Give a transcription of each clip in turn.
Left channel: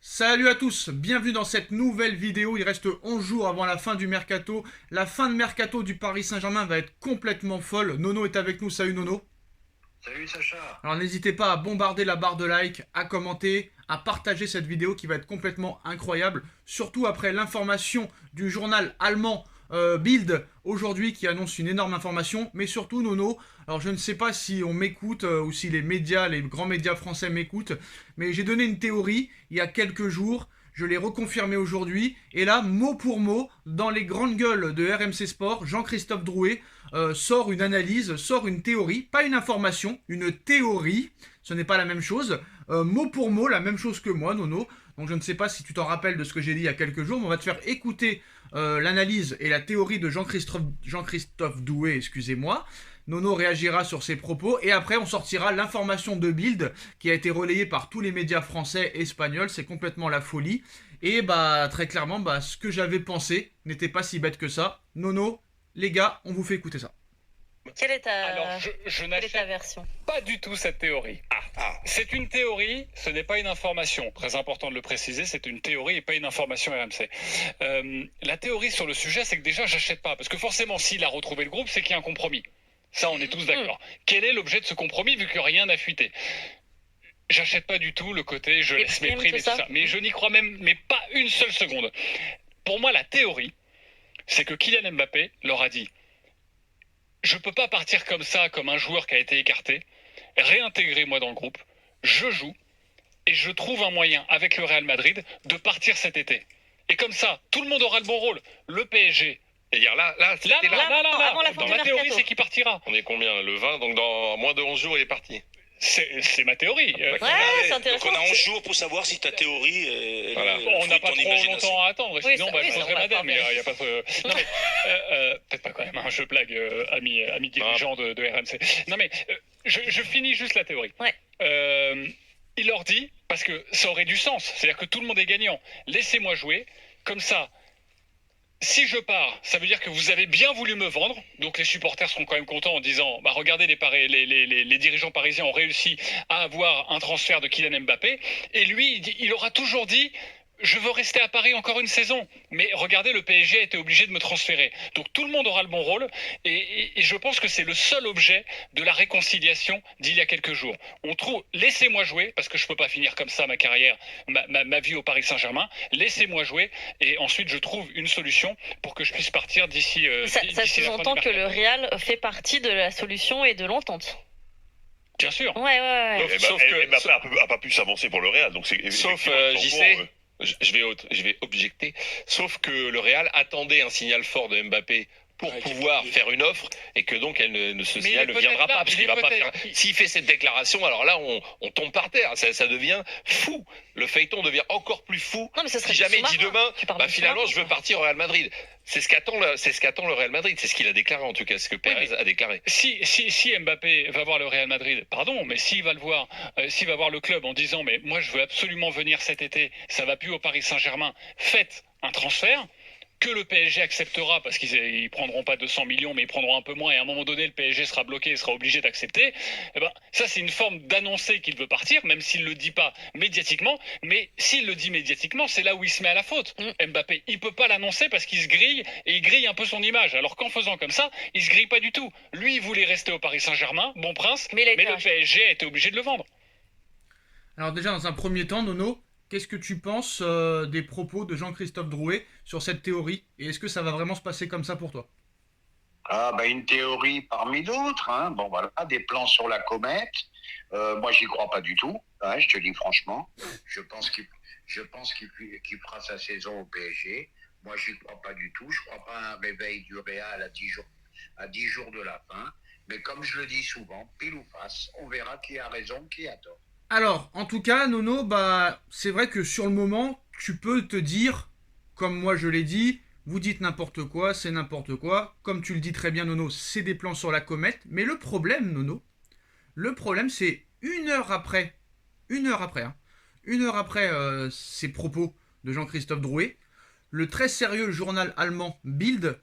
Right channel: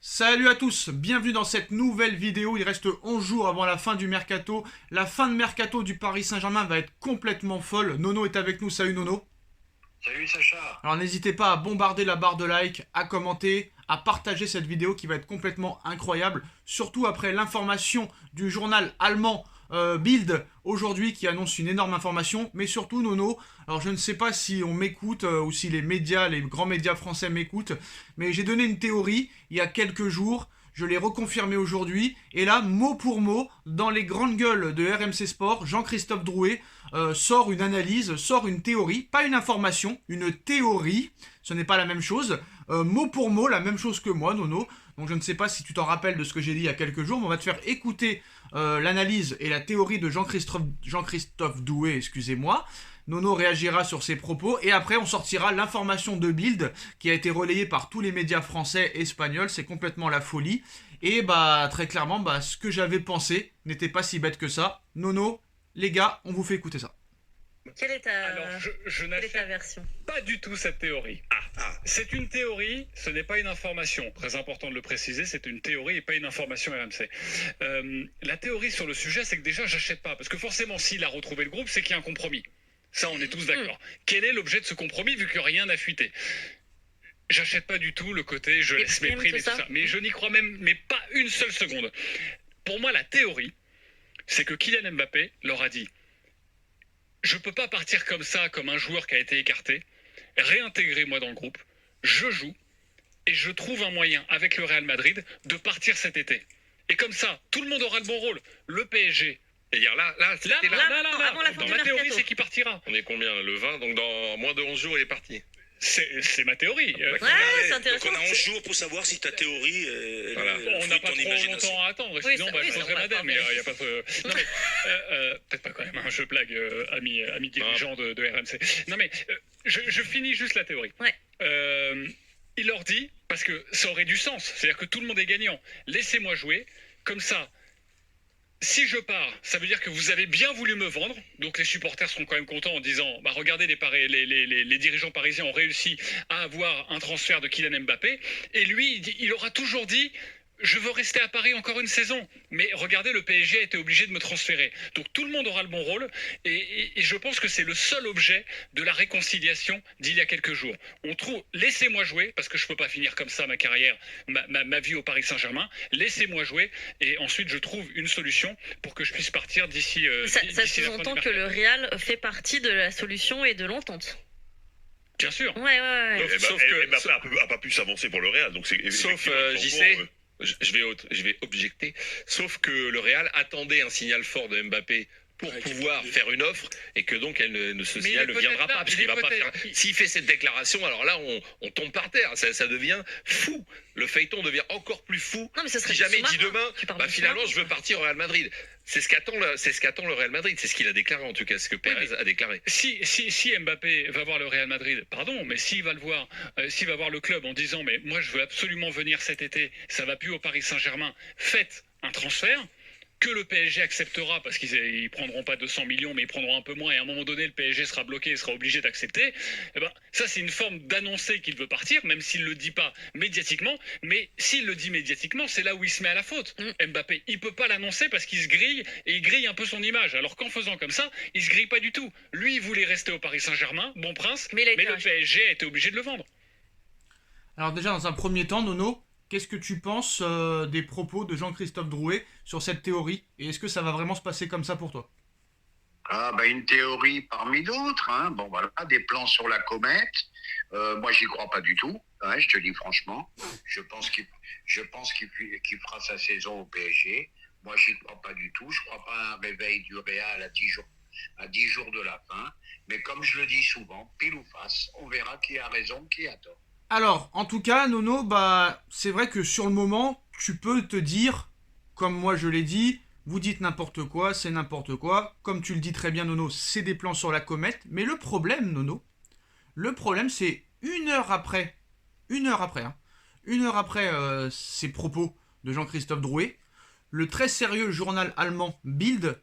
Salut à tous, bienvenue dans cette nouvelle vidéo. Il reste 11 jours avant la fin du mercato. La fin de mercato du Paris Saint-Germain va être complètement folle. Nono est avec nous, salut Nono. Salut Sacha. Alors n'hésitez pas à bombarder la barre de like, à commenter, à partager cette vidéo qui va être complètement incroyable. Surtout après l'information du journal allemand Bild aujourd'hui qui annonce une énorme information. Mais surtout Nono, alors je ne sais pas si on m'écoute ou si les médias, les grands médias français m'écoutent. Mais j'ai donné une théorie il y a quelques jours. Je l'ai reconfirmé aujourd'hui. Et là, mot pour mot, dans les grandes gueules de RMC Sport, Jean-Christophe Drouet sort une analyse, sort une théorie, pas une information, une théorie. Ce n'est pas la même chose. Mot pour mot, la même chose que moi, Nono. Donc je ne sais pas si tu t'en rappelles de ce que j'ai dit il y a quelques jours, mais on va te faire écouter l'analyse et la théorie de Jean-Christophe Drouet, excusez-moi. Nono réagira sur ses propos et après on sortira l'information de Bild qui a été relayée par tous les médias français et espagnols. C'est complètement la folie. Et bah très clairement, ce que j'avais pensé n'était pas si bête que ça. Nono, les gars, on vous fait écouter ça. Quelle est Alors, ta, je quelle est ta n'achète version? pas du tout cette théorie. C'est une théorie, ce n'est pas une information. Très important de le préciser, c'est une théorie et pas une information RMC. La théorie sur le sujet, c'est que déjà, j'achète pas. Parce que forcément, s'il a retrouvé le groupe, c'est qu'il y a un compromis. Ça, on est tous d'accord. Quel est l'objet de ce compromis, vu que rien n'a fuité? J'achète pas du tout le côté je laisse mes primes et tout ça. Mais je n'y crois même mais pas une seule seconde. Pour moi, la théorie, c'est que Kylian Mbappé leur a dit: je peux pas partir comme ça, comme un joueur qui a été écarté. Réintégrez-moi dans le groupe. Je joue et je trouve un moyen avec le Real Madrid de partir cet été. Et comme ça, tout le monde aura le bon rôle. Le PSG. C'est-à-dire avant la fin Dans du ma théorie, mercato. c'est qu'il partira. on est combien? Le 20, donc dans moins de 11 jours, il est parti. C'est ma théorie. Ouais, c'est Donc intéressant. on a 11 jours pour savoir si ta théorie Voilà. On n'a pas trop longtemps à attendre. Oui, Sinon, ça- je oui, ça changerai va madame. pas, Il y a pas de... Non, mais, peut-être pas quand même. Je blague, ami dirigeant de RMC. Non, mais je finis juste la théorie. Ouais. Il leur dit, parce que ça aurait du sens, c'est-à-dire que tout le monde est gagnant. Laissez-moi jouer. Comme ça, si je pars, ça veut dire que vous avez bien voulu me vendre. Donc les supporters seront quand même contents en disant: regardez, les dirigeants parisiens ont réussi à avoir un transfert de Kylian Mbappé. Et lui, il aura toujours dit: je veux rester à Paris encore une saison. Mais regardez, le PSG a été obligé de me transférer. Donc tout le monde aura le bon rôle. Et je pense que c'est le seul objet de la réconciliation d'il y a quelques jours. On trouve, laissez-moi jouer, parce que je ne peux pas finir comme ça ma carrière, ma vie au Paris Saint-Germain. Laissez-moi jouer. Et ensuite, je trouve une solution pour que je puisse partir d'ici. Ça d'ici la fin sous-entend du que le mercato. Real fait partie de la solution et de l'entente. Bien sûr. Ouais. Sauf que- Mbappé a pas pu s'avancer pour le Real, donc c'est Sauf, effectivement, je vais objecter. Sauf que le Real attendait un signal fort de Mbappé pour pouvoir faire une offre et que donc ce Mais signal il est ne viendra peut-être là, pas parce il qu'il est va pas peut-être- faire. S'il fait cette déclaration, alors là on tombe par terre. Ça devient fou. Le feuilleton devient encore plus fou. Non, mais ça serait Si jamais il dit sous-marin. demain, Tu parles de finalement sous-marin, je veux partir au Real Madrid. C'est ce qu'attend le Real Madrid. C'est ce qu'il a déclaré en tout cas, ce que Pérez a déclaré. Si Mbappé va voir le Real Madrid, pardon, mais s'il va le voir, s'il va voir le club en disant: mais moi je veux absolument venir cet été, ça va plus au Paris Saint-Germain, faites un transfert que le PSG acceptera, parce qu'ils prendront pas 200 millions, mais ils prendront un peu moins, et à un moment donné le PSG sera bloqué et sera obligé d'accepter. Eh ben, ça c'est une forme d'annoncer qu'il veut partir, même s'il le dit pas médiatiquement. Mais s'il le dit médiatiquement, c'est là où il se met à la faute. Mbappé, il peut pas l'annoncer parce qu'il se grille, et il grille un peu son image. Alors qu'en faisant comme ça, il se grille pas du tout. Lui, il voulait rester au Paris Saint-Germain, bon prince, Mais il a été mais le racheté. PSG a été obligé de le vendre. Alors déjà, dans un premier temps, Nono, qu'est-ce que tu penses des propos de Jean-Christophe Drouet sur cette théorie? Et est-ce que ça va vraiment se passer comme ça pour toi? Une théorie parmi d'autres. Hein. Bon, voilà, des plans sur la comète. Moi, j'y crois pas du tout. Ouais, je te dis franchement. Je pense qu'il fera sa saison au PSG. Moi, j'y crois pas du tout. Je crois pas à un réveil du Real à 10 jours de la fin. Mais comme je le dis souvent, pile ou face, on verra qui a raison, qui a tort. Alors, en tout cas, Nono, c'est vrai que sur le moment, tu peux te dire, comme moi je l'ai dit, vous dites n'importe quoi, c'est n'importe quoi. Comme tu le dis très bien, Nono, c'est des plans sur la comète. Mais le problème, Nono, c'est une heure après, hein, une heure après ces propos de Jean-Christophe Drouet, le très sérieux journal allemand Bild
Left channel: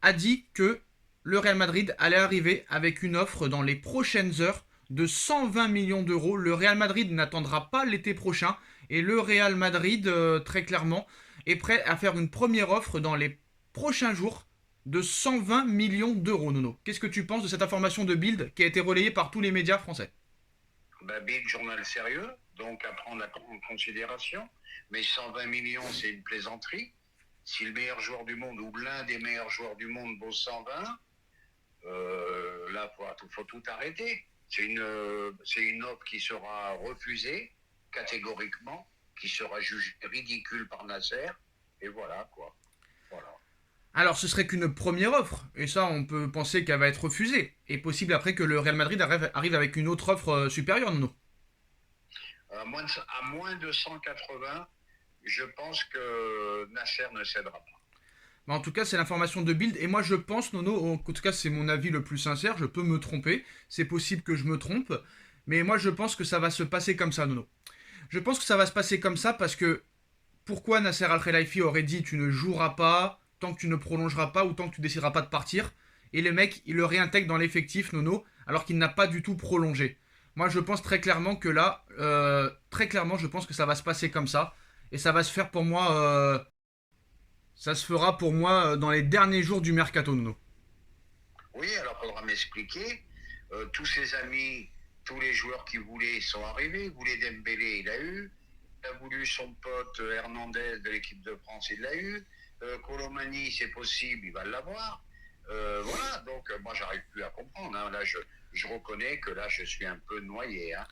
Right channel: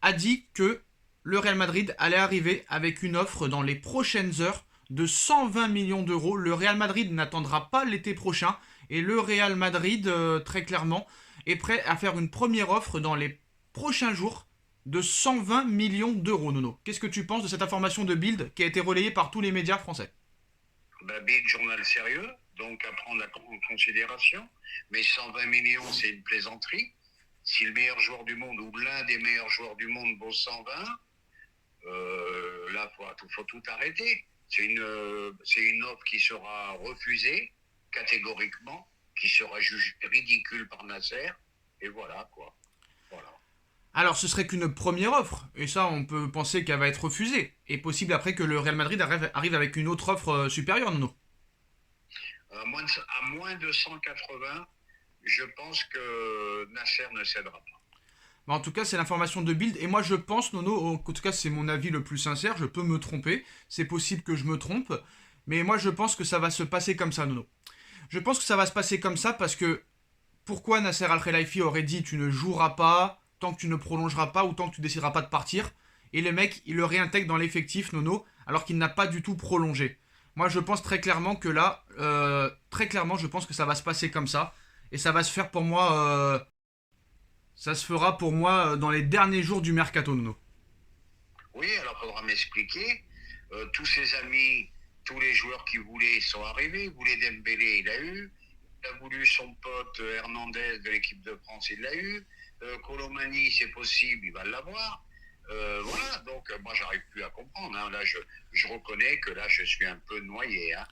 a dit que le Real Madrid allait arriver avec une offre dans les prochaines heures de 120 millions d'euros. Le Real Madrid n'attendra pas l'été prochain Et le Real Madrid, très clairement, est prêt à faire une première offre dans les prochains jours de 120 millions d'euros, Nono. Qu'est-ce que tu penses de cette information de Bild qui a été relayée par tous les médias français? Bild, journal sérieux, donc à prendre en considération. Mais 120 millions, c'est une plaisanterie. Si le meilleur joueur du monde ou l'un des meilleurs joueurs du monde vaut 120, là, faut tout arrêter. C'est une offre qui sera refusée catégoriquement, qui sera jugée ridicule par Nasser, et voilà quoi. Voilà. Alors, ce serait qu'une première offre, et ça, on peut penser qu'elle va être refusée. Et possible après que le Real Madrid arrive avec une autre offre supérieure, Nono. À moins de 180, je pense que Nasser ne cédera pas. Mais en tout cas, c'est l'information de Bild, et moi je pense, Nono, en tout cas c'est mon avis le plus sincère, je peux me tromper, c'est possible que je me trompe, mais moi je pense que ça va se passer comme ça, Nono. Je pense que ça va se passer comme ça parce que pourquoi Nasser Al-Khelaifi aurait dit tu ne joueras pas tant que tu ne prolongeras pas ou tant que tu décideras pas de partir, et le mec il le réintègre dans l'effectif, Nono, alors qu'il n'a pas du tout prolongé. Moi je pense très clairement que là, je pense que ça va se passer comme ça, et ça va se faire pour moi... ça se fera pour moi dans les derniers jours du mercato, Nono. Oui, alors il faudra m'expliquer. Tous ses amis, tous les joueurs qui voulaient sont arrivés. Il voulait Dembélé, il a eu. Il a voulu son pote Hernandez de l'équipe de France, il l'a eu. Colomani, c'est possible, il va l'avoir. Voilà, donc moi j'arrive plus à comprendre. Hein. Là, je reconnais que là je suis un peu noyé. Hein.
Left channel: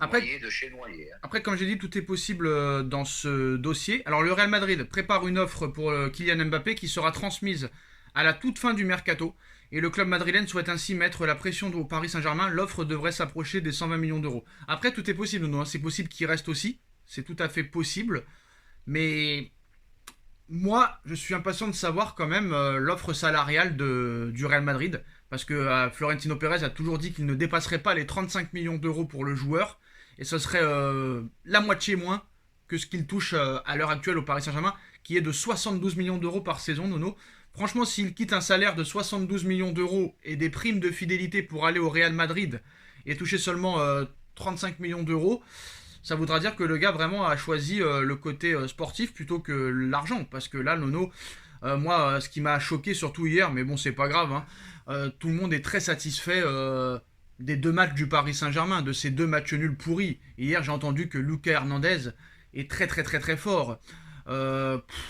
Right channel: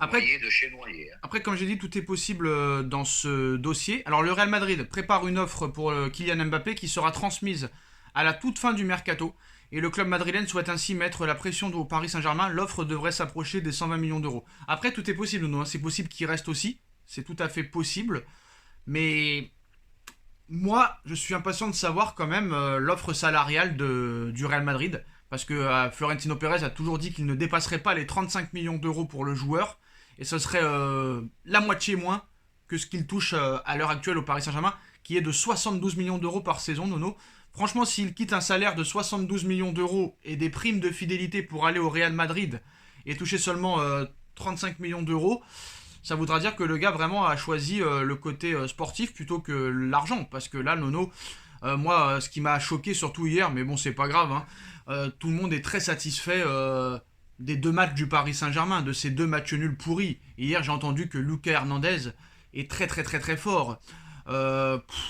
Noyé de chez noyé. Hein. Après, comme j'ai dit, tout est possible dans ce dossier. Alors, le Real Madrid prépare une offre pour Kylian Mbappé qui sera transmise à la toute fin du mercato. Et le club madrilène souhaite ainsi mettre la pression au Paris Saint-Germain. L'offre devrait s'approcher des 120 millions d'euros. Après, tout est possible, non, c'est possible qu'il reste aussi. C'est tout à fait possible. Mais moi, je suis impatient de savoir quand même l'offre salariale du Real Madrid. Parce que Florentino Pérez a toujours dit qu'il ne dépasserait pas les 35 millions d'euros pour le joueur. Et ce serait la moitié moins que ce qu'il touche à l'heure actuelle au Paris Saint-Germain, qui est de 72 millions d'euros par saison, Nono. Franchement, s'il quitte un salaire de 72 millions d'euros et des primes de fidélité pour aller au Real Madrid et toucher seulement 35 millions d'euros, ça voudra dire que le gars vraiment a choisi le côté sportif plutôt que l'argent. Parce que là, Nono, moi, ce qui m'a choqué surtout hier, mais bon, c'est pas grave, hein, tout le monde est très satisfait des deux matchs du Paris Saint-Germain, de ces deux matchs nuls pourris. Hier, j'ai entendu que Lucas Hernandez est très très très très fort.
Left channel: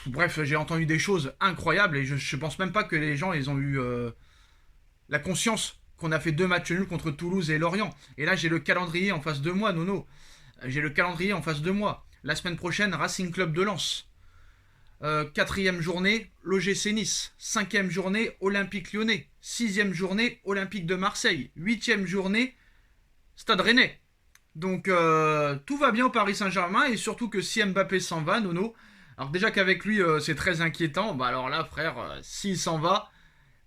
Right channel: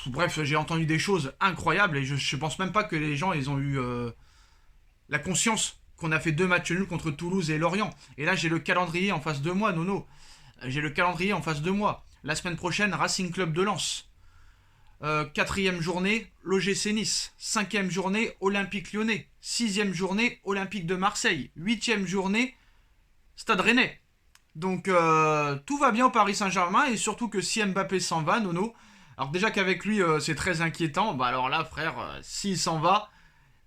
Bref, j'ai entendu des choses incroyables et je pense même pas que les gens ils ont eu la conscience qu'on a fait deux matchs nuls contre Toulouse et Lorient. Et là, j'ai le calendrier en face de moi, Nono. J'ai le calendrier en face de moi. La semaine prochaine, Racing Club de Lens. 4e journée, l'OGC Nice. 5e journée, Olympique Lyonnais. 6e journée, Olympique de Marseille. 8e journée, Stade Rennais. Donc tout va bien au Paris Saint-Germain et surtout que si Mbappé s'en va, Nono, alors déjà qu'avec lui c'est très inquiétant, bah alors là frère, s'il s'en va,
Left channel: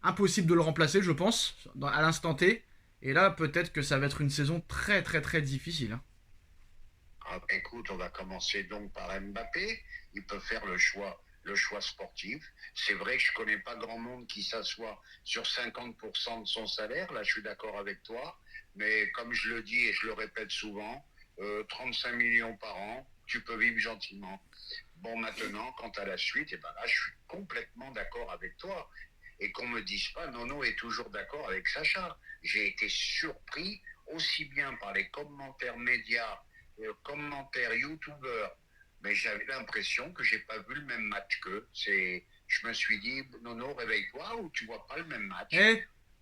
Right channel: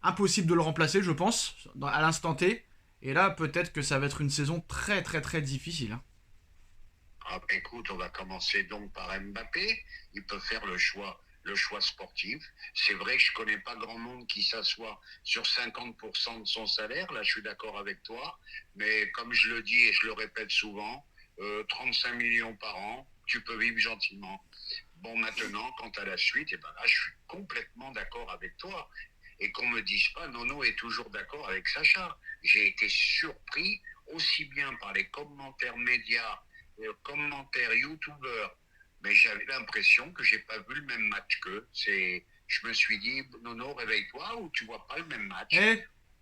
impossible de le remplacer je pense, à l'instant T. Et là peut-être que ça va être une saison très très très difficile. Hein. Ah, écoute, on va commencer donc par Mbappé. Il peut faire le choix sportif. C'est vrai que je connais pas grand monde qui s'assoit sur 50% de son salaire. Là, je suis d'accord avec toi. Mais comme je le dis et je le répète souvent, 35 millions par an, tu peux vivre gentiment. Bon, maintenant, quant à la suite, et ben là, je suis complètement d'accord avec toi. Et qu'on me dise pas, Nono est toujours d'accord avec Sacha. J'ai été surpris aussi bien par les commentaires médias, commentaires youtubeurs, mais j'avais l'impression que j'ai pas vu le même match qu'eux. Je me suis dit, Nono, réveille-toi ou tu vois pas le même match.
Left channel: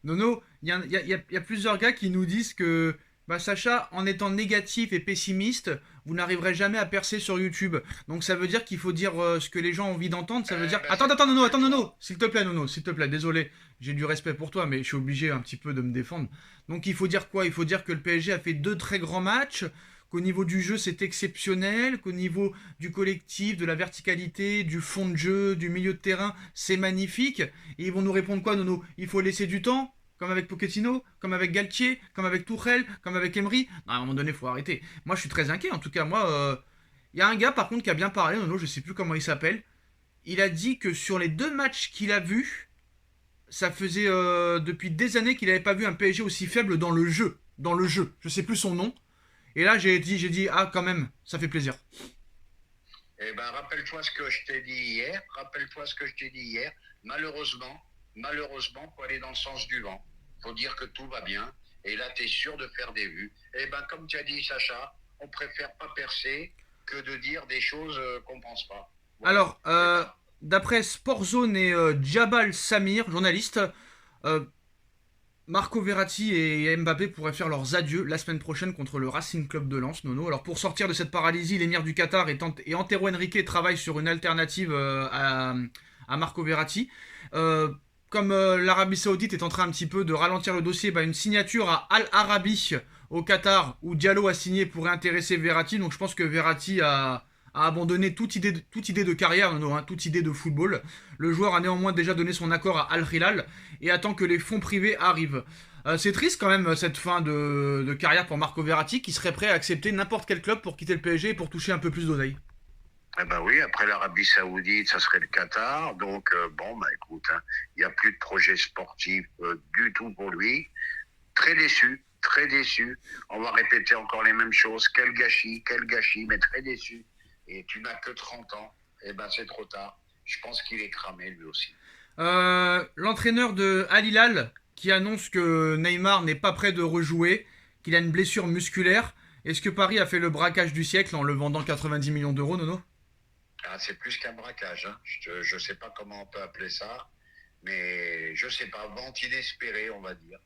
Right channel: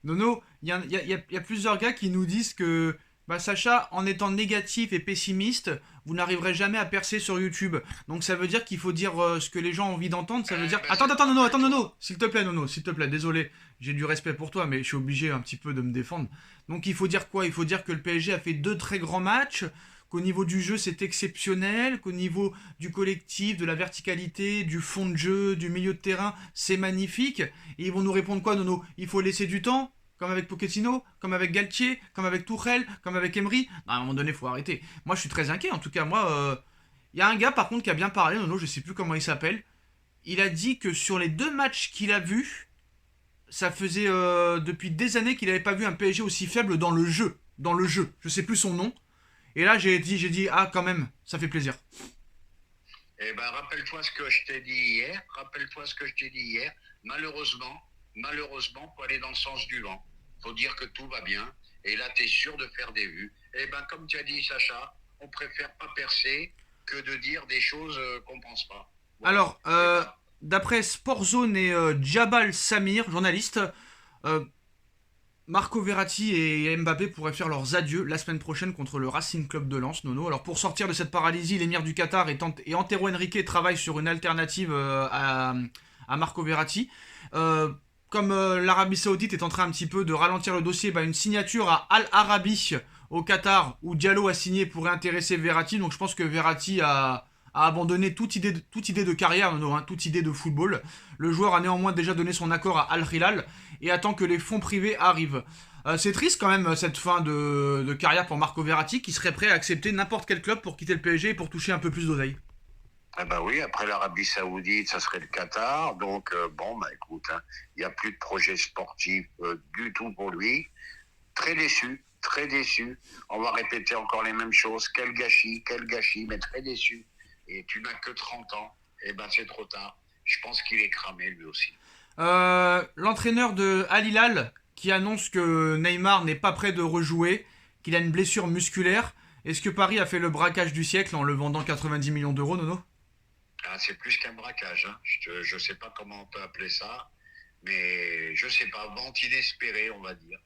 Nono, il y a plusieurs gars qui nous disent que bah, Sacha, en étant négatif et pessimiste, vous n'arriverez jamais à percer sur YouTube. Donc ça veut dire qu'il faut dire ce que les gens ont envie d'entendre. Ça veut dire... Attends, Nono, s'il te plaît, désolé. J'ai du respect pour toi, mais je suis obligé un petit peu de me défendre. Donc il faut dire quoi? Il faut dire que le PSG a fait 2 très grands matchs, qu'au niveau du jeu c'est exceptionnel, qu'au niveau du collectif, de la verticalité, du fond de jeu, du milieu de terrain, c'est magnifique. Et ils vont nous répondre quoi, Nono? Il faut laisser du temps, comme avec Pochettino, comme avec Galtier, comme avec Tuchel, comme avec Emery. Non, à un moment donné, il faut arrêter. Moi, je suis très inquiet. En tout cas, moi, il y a un gars, par contre, qui a bien parlé, Nono, je sais plus comment il s'appelle. Il a dit que sur les 2 matchs qu'il a vus, ça faisait depuis des années qu'il n'avait pas vu un PSG aussi faible dans le jeu. Dans le jeu. Je sais plus son nom. Et là, j'ai dit, ah, quand même, ça fait plaisir. Eh ben, rappelle-toi ce que je t'ai dit hier. Rappelle-toi ce que je t'ai dit hier. Malheureusement, pour aller dans le sens du vent, faut dire que tout va bien. Et là, tu es sûr de faire des vues. Eh ben, comme tu as dit, Sacha, on préfère pas percer que de dire des choses qu'on pense pas. Voilà. Alors, Eh ben, d'après Sportzone et Djabal Samir, journaliste, euh, Marco Verratti et Mbappé pourraient faire leurs adieux la semaine prochaine contre le Racing Club de Lens, Nono. Alors pour sortir de cette paralysie, l'émir du Qatar et Antero Henrique travaillent sur une alternative à Marco Verratti. Comme l'Arabie Saoudite est en train un petit peu de ralentir le dossier, une signature à Al Arabi au Qatar où Diallo a signé pourrait intéresser Verratti. Donc je pense que Verratti a abandonné toute idée de carrière, Nono, toute idée de football. Le joueur a néanmoins déjà donné son accord à Al Hilal et attend que les fonds privés arrivent. C'est triste quand même cette fin de carrière pour Marco Verratti qui serait prêt à accepter n'importe quel club pour quitter le PSG et pour toucher un peu plus d'oseille. eh ben oui, après l'Arabie Saoudite, ça serait le Qatar. Donc, écoute, il n'y a plus de projet sportif du tout pour lui. Très déçu, très déçu. On va répéter encore les mêmes choses. Quel gâchis, mais très déçu. Et tu n'as que 30 ans. Eh ben, c'est trop tard. Je pense qu'il est cramé, lui aussi. L'entraîneur de Al Hilal qui annonce que Neymar n'est pas prêt de rejouer, qu'il a une blessure musculaire. Est-ce que Paris a fait le braquage du siècle en le vendant 90 millions d'euros, Nono ? Ah, c'est plus qu'un braquage. Je ne sais pas comment on peut appeler ça. Mais je ne sais pas. Vente inespérée, on va dire.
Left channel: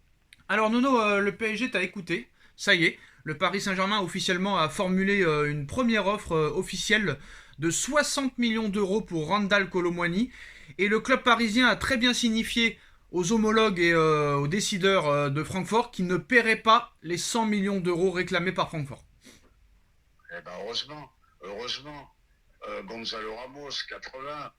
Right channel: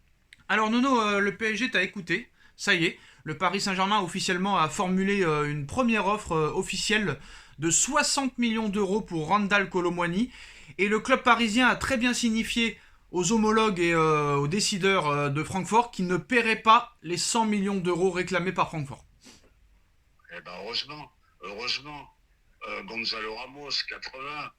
Alors Nono, le PSG t'a écouté. Ça y est, le Paris Saint-Germain officiellement a formulé une première offre officielle de 60 millions d'euros pour Randal Kolo Muani. Et le club parisien a très bien signifié aux homologues et aux décideurs de Francfort qu'ils ne paieraient pas les 100 millions d'euros réclamés par Francfort. Eh ben, heureusement. Gonzalo Ramos, 80.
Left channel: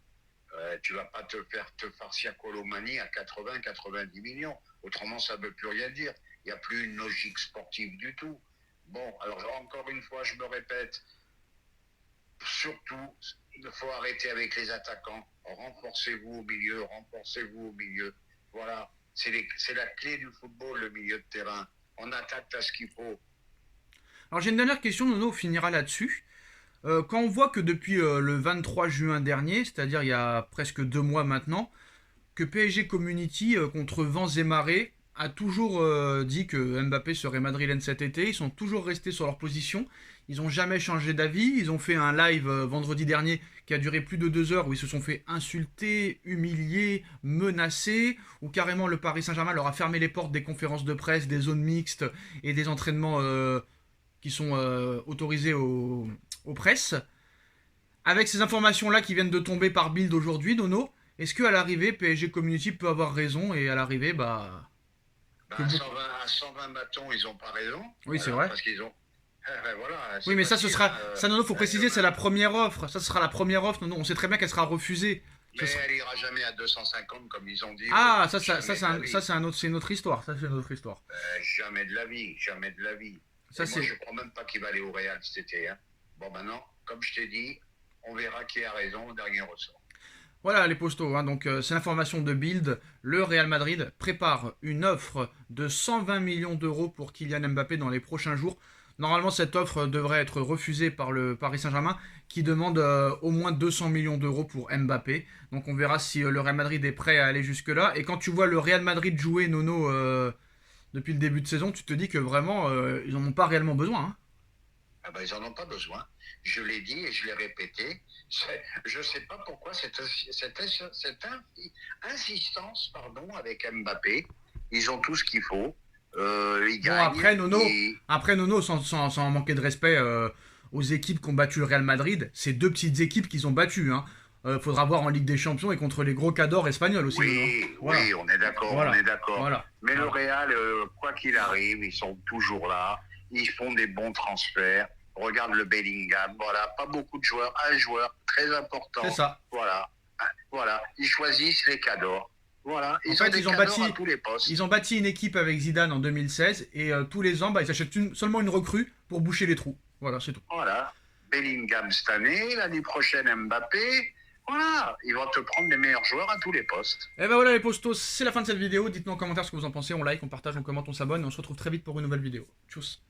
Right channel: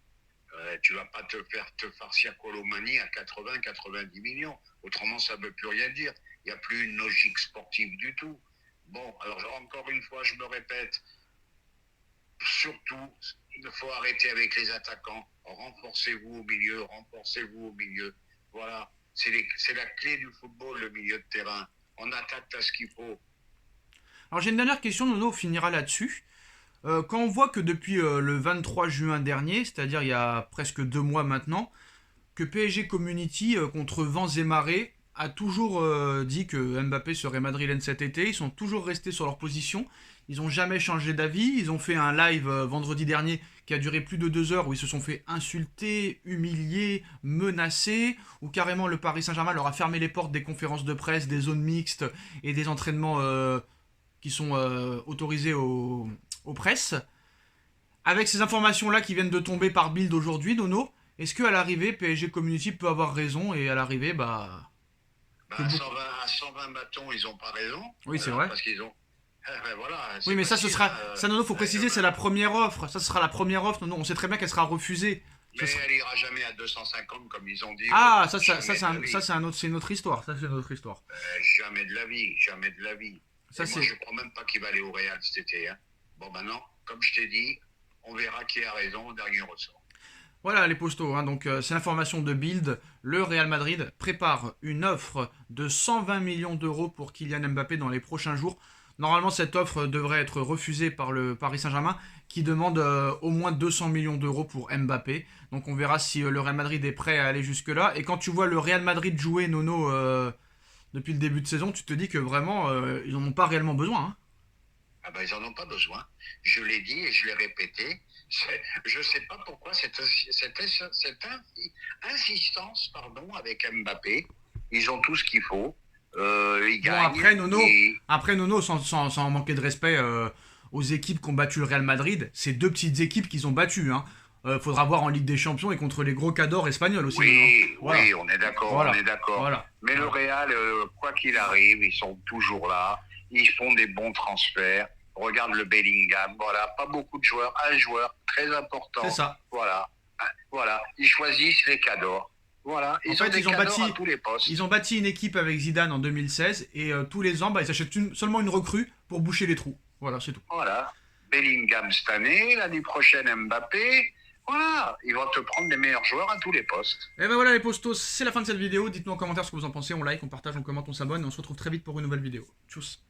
Tu vas pas te farcir Kolo Muani à 80-90 millions. Autrement, ça ne veut plus rien dire. Il n'y a plus une logique sportive du tout. Bon, alors encore une fois, je me répète, surtout, il faut arrêter avec les attaquants. Renforcez-vous au milieu. Voilà, c'est la clé du football, le milieu de terrain. On attaque à ce qu'il faut. Alors j'ai une dernière question, Nono, on finira là-dessus. Quand on voit que depuis le 23 juin dernier, c'est-à-dire il y a presque 2 mois maintenant, que PSG Community, contre vents et marées, a toujours dit que Mbappé serait madrilène cet été. Ils sont toujours restés sur leur position. Ils n'ont jamais changé d'avis. Ils ont fait un live vendredi dernier qui a duré plus de 2 heures où ils se sont fait insulter, humilier, menacer, où carrément le Paris Saint-Germain leur a fermé les portes des conférences de presse, des zones mixtes et des entraînements qui sont autorisés aux presses. Avec ces informations-là qui viennent de tomber par Bild aujourd'hui, Nono, est-ce qu'à l'arrivée, PSG Community peut avoir raison et à l'arrivée, à 120 bâtons, ils n'ont pas raison. Oui, c'est vrai. Parce qu'ils ont... voilà, oui, mais ça, ce sera... ça, Nono, faut là, préciser, c'est la première offre. Ça, ce sera la première offre, Nono. On sait très bien qu'elle sera refusée. Mais elle ira jamais à 250, comme ils ont dit. Ah, ça c'est une autre histoire. Ça, c'est une autre histoire. Jamais de la vie. Ça, moi, je crois même pas qu'il va aller au Real cet été. Bon, maintenant, comme je t'ai dit, on verra qui a raison au dernier ressort. Voilà les postos, donc c'est l'information de Bild. Le Real Madrid prépare une offre de 120 millions d'euros pour Kylian Mbappé dans les prochains jours. Normalement, cette offre devrait être refusée par le Paris Saint-Germain qui demande au moins 200 millions d'euros pour Mbappé. Donc on verra si le Real Madrid est prêt à aller jusque-là. Et quand tu vois le Real Madrid jouer, Nono, depuis le début de saison, tu te dis que vraiment, ils n'en ont pas réellement besoin. Ah ben, ils n'en ont pas besoin. Je l'ai dit et je l'ai répété. Je ne sais pas pourquoi cette insistance avec Mbappé. Ils ont tout ce qu'il faut. Ils gagnent. Après, Nono, sans manquer de respect aux équipes qui ont battu le Real Madrid, c'est 2 petites équipes qu'ils ont battues. Faudra voir en Ligue des Champions et contre les gros cadors espagnols aussi. Oui, on est d'accord. Voilà. Mais le Real, quoi qu'il arrive, ils sont toujours là. Ils font des bons transferts. Regarde le Bellingham, voilà, pas beaucoup de joueurs, un joueur très important. C'est ça. Voilà. Ils choisissent les cadors. Voilà. Ils ont bâti à tous les postes. Ils ont bâti une équipe avec Zidane en 2016 et tous les ans, ils achètent seulement une recrue pour boucher les trous. Voilà, c'est tout. Voilà. Bellingham cette année, l'année prochaine Mbappé. Voilà, ils vont te prendre les meilleurs joueurs à tous les postes. Et ben voilà les postos, c'est la fin de cette vidéo. Dites-nous en commentaire ce que vous en pensez. On like, on partage, on commente, on s'abonne et on se retrouve très vite pour une nouvelle vidéo. Tchuss.